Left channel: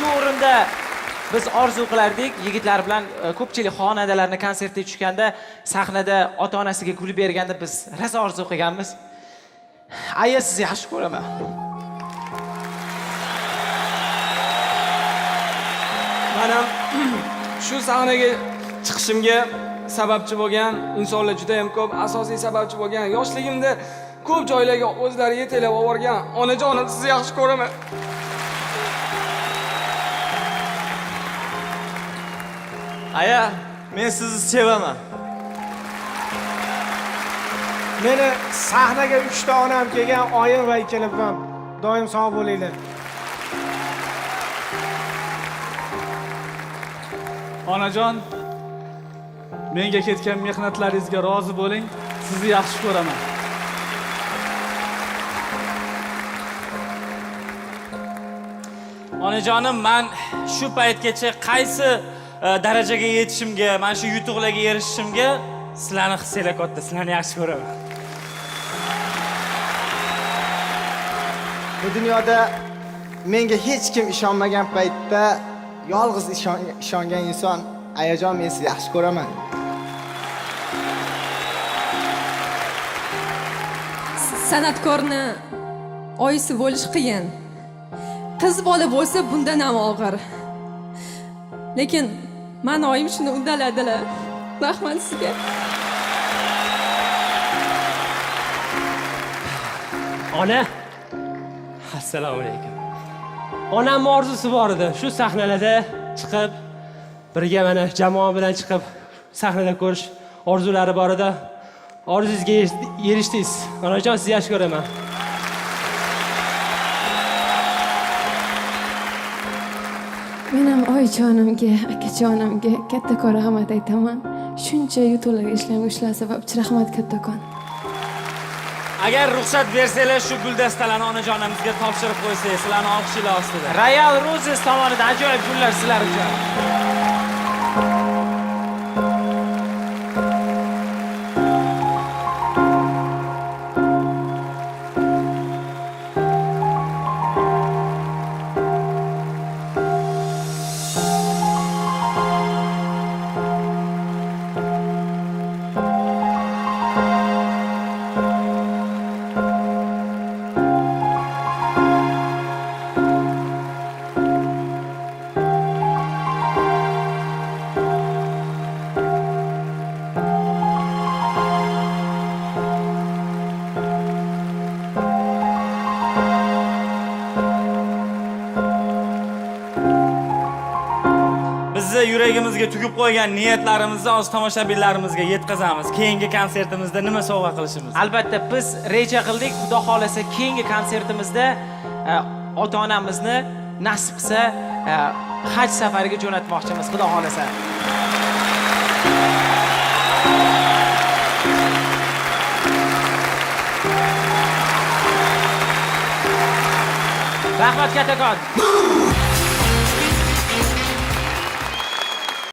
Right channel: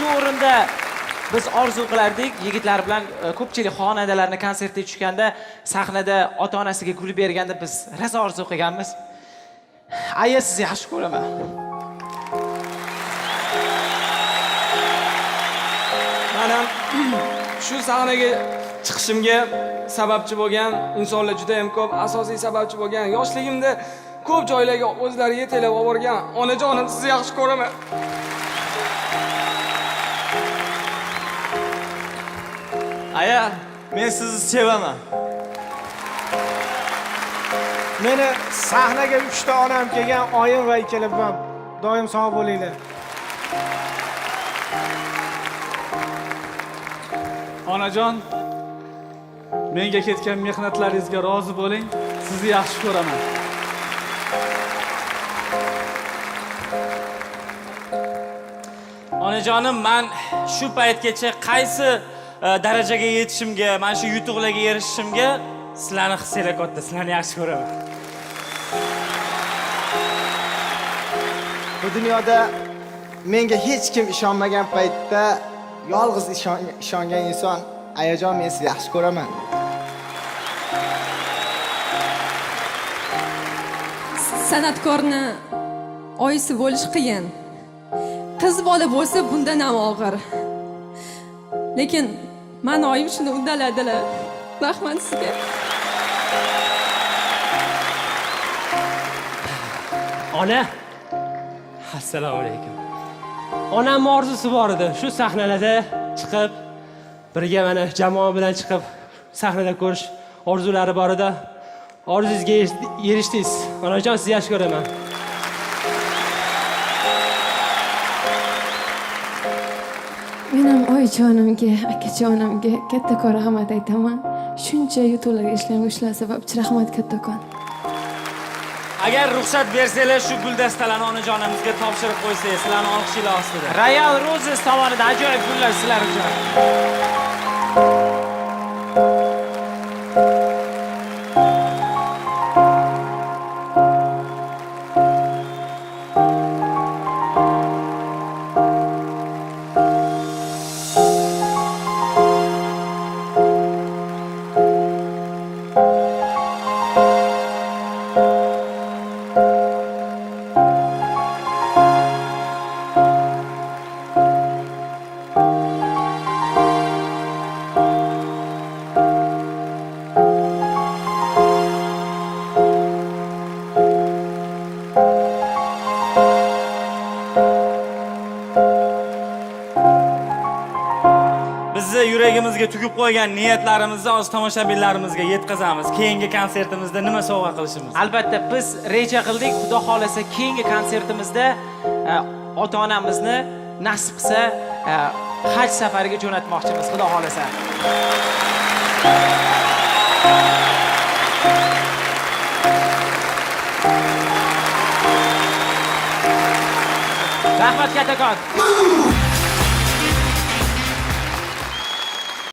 shu o'rinda biz orzu qilardik, yigitlar bilan ko'pchilik xonandalarni konsertga tushganda, sahnada ota-onasiga gul berganda biz rosa orzu qilganmiz. Aya, sizni yaxshi ko'raman. Men ham shu sahnaga chiqishimga sababchi bo'lgan insonlar juda ham ko'p, asosiy sababchi bo'lgan yoshligimda ko'p joylarga o'zlari yetalab olib borgan onajonim, sizni yaxshi ko'raman. Aya, men sizni sevaman. Meni sahnaga 3 ta onam kelgan, oyim va ikkala buvam. Doim sog' bo'linglar. Onajon, menga ketgan mehnatlaringizga rozi bo'ling. Sizni yaxshi ko'raman. Onajonim, men shu paytgacha qaysi darajaga yetishimga, men shu yutuqlarga erishishimga sizlarni hissinglar katta, sizlarni yaxshi ko'raman. Bu dunyoda menga hech kim ishonmagan paytda yolg'iz ishongan inson Ayajon, men sizni yaxshi ko'raman. San'atkorni oyisi bo'lish qiyin. Qiz bola bo'lsa bundan ham og'ir. Lekin men oyim shuni uddaladilar. Rahmat sizga. Ona, assalomu alaykum. Onam orzusi bor edi. Shu sahnalarda chiqib, birga mana jamoa bilan chiqib sahnada ko'rish orzulari bor edi. Orzungizga erishdingiz. Onajon, sizni yaxshi ko'raman. Men ham oyijonimga, akajonimga kattakon rahmat aytaman. Shuncha yutuqlarga ishlangan sababchi rahmat kattakon. Agar ruxsat bersanglar, shu guldastalarni onajonimizga topshirib qo'ysangiz, sizlarni olqishinglar ostida. Royal Roses tomonidan ajoyib gullar sizlar uchun. Bizni yuragimizga tugib qo'ygan niyatlarimizni o'z tomoshabinlarimizga yetkazamiz. Keyingi konsertimizda nima sovg'a qilishimiz? Albatta biz reja qildik, Xudo xolasa keyingi konsertimizda ota-onamizni nasib qilsa haj safariga jo'natmoqchimiz, Xudo xolasa. Rahmat kattakon.